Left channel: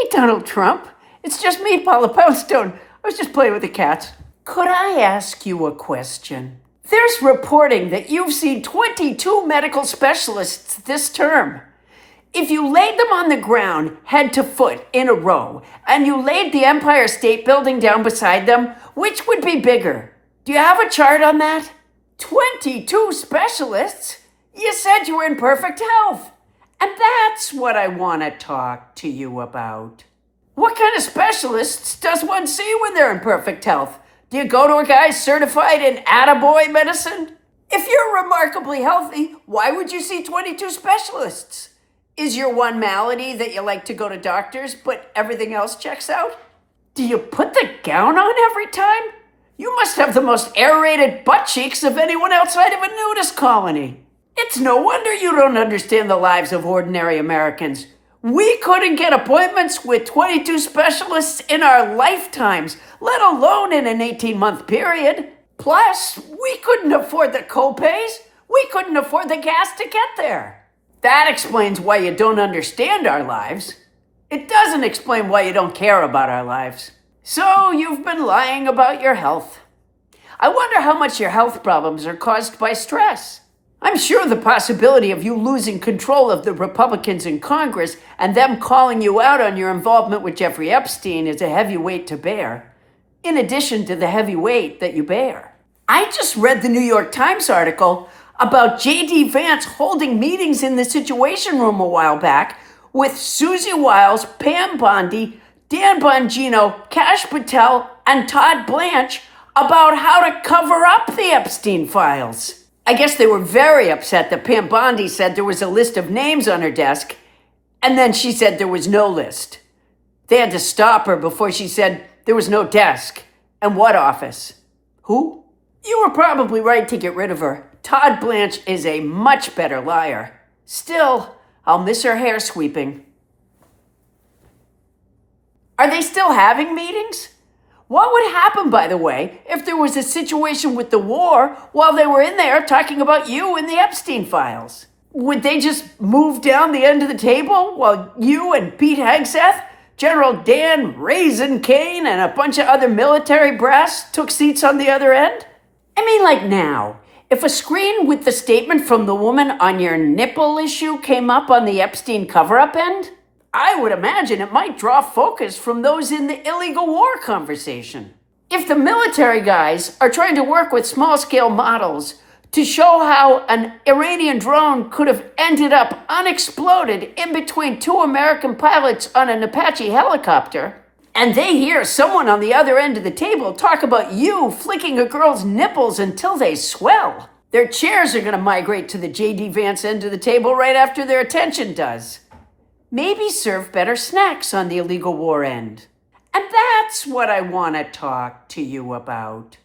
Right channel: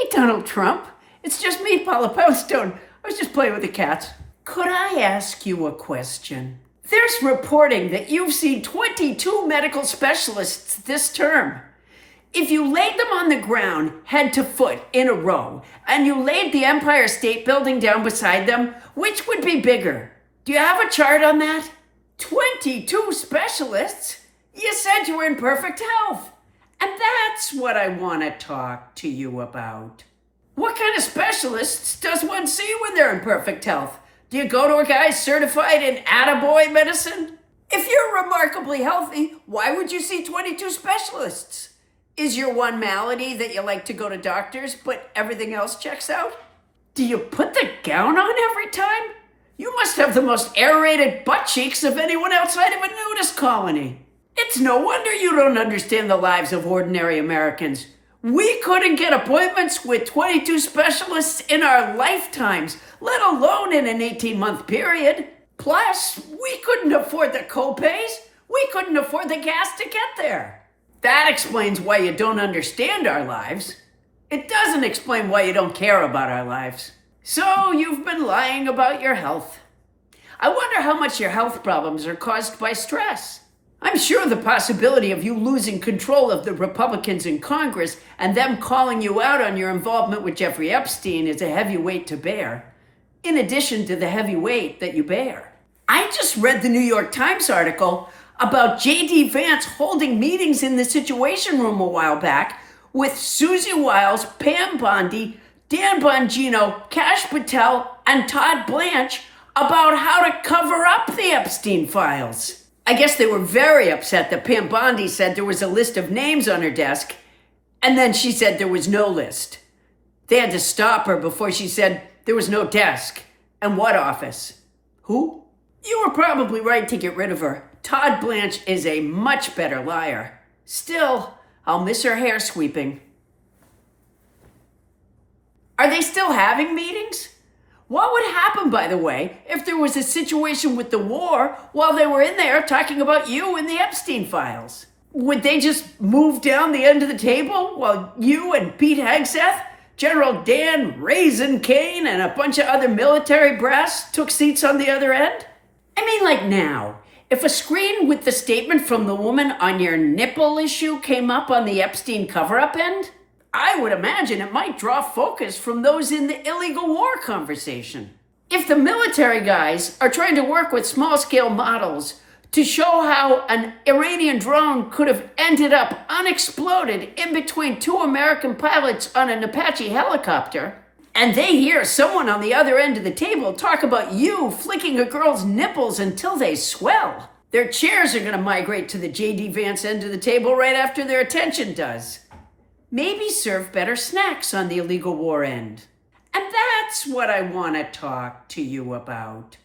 Hey, Donald Trump. It's just me, Paula Poundstone. I was just playing with the cat. Could I ask you a question? There's reporting that you've seen 22 medical specialists this term. If you laid them on the ground, head to foot, in a row, and you laid the Empire State Building down beside them, which would be bigger? Do you have a chart on that? 22 specialists? You said you were in perfect health. And that's what I want to talk to you about. What kind of specialists does one see when they're in perfect health? Do you go to a guy certified in attaboy medicine? If you're remarkably healthy, why would you see 22 specialists? Is your one malady that you like to go to doctors, but everything else checks out? Do you put the gown on every time? You must have the most aerated butt cheeks of anyone outside of a nudist colony. It's no wonder you don't understand the lives of ordinary Americans. We couldn't get appointments with 22 specialists in our lifetimes, let alone in an 18-month period. Plus, we couldn't afford the co-pays. We couldn't afford the gas to get there. That explains why you don't understand our lives. It doesn't explain why you don't care about our lives. So you've been lying about your health. I wonder how much your health problems are caused by stress. I'm sure the possibility of you losing control of the Republicans in Congress and them calling you out on your involvement with Jeffrey Epstein is a heavy weight to bear, in addition to the heavy weight that you bear. I just read the New York Times article about J.D. Vance holding meetings in the Situation Room a while back with Susie Wiles, Pam Bondi, Dan Bongino, Kash Patel, and Todd Blanche about how to cover up the Epstein files. I guess they were very upset that Pam Bondi said there was a list of names on her desk, and then she said there was no list. They had to stop her before she said there was no desk. And what office? Who? You were probably right to get rid of her. Todd Blanche is a much better liar. Still, I'll miss her hair sweeping. Are they still having meetings? What would happen, by the way, if there was a situation with the war while they were in there talking about you and the Epstein files? Would they just move down the end of the table while you and Pete Hegseth, General Dan Raisin Kane, and a bunch of other military brass took seats on the other end? I mean, like now, if a screen with the statement from the woman on your nipple issue came up on the Epstein cover-up end, I would imagine it might draw focus from those in the illegal war conversation. If the military guys are trying to work with small-scale models to show how an Iranian drone could have ended up unexploded in between two American pilots on an Apache helicopter, and they hear someone on the other end of the table talk about you flicking a girl's nipples until they swell, their chairs are going to migrate to the J.D. Vance end of the table right after their attention does. Maybe serve better snacks on the illegal war end. And that's what I want to talk to you about.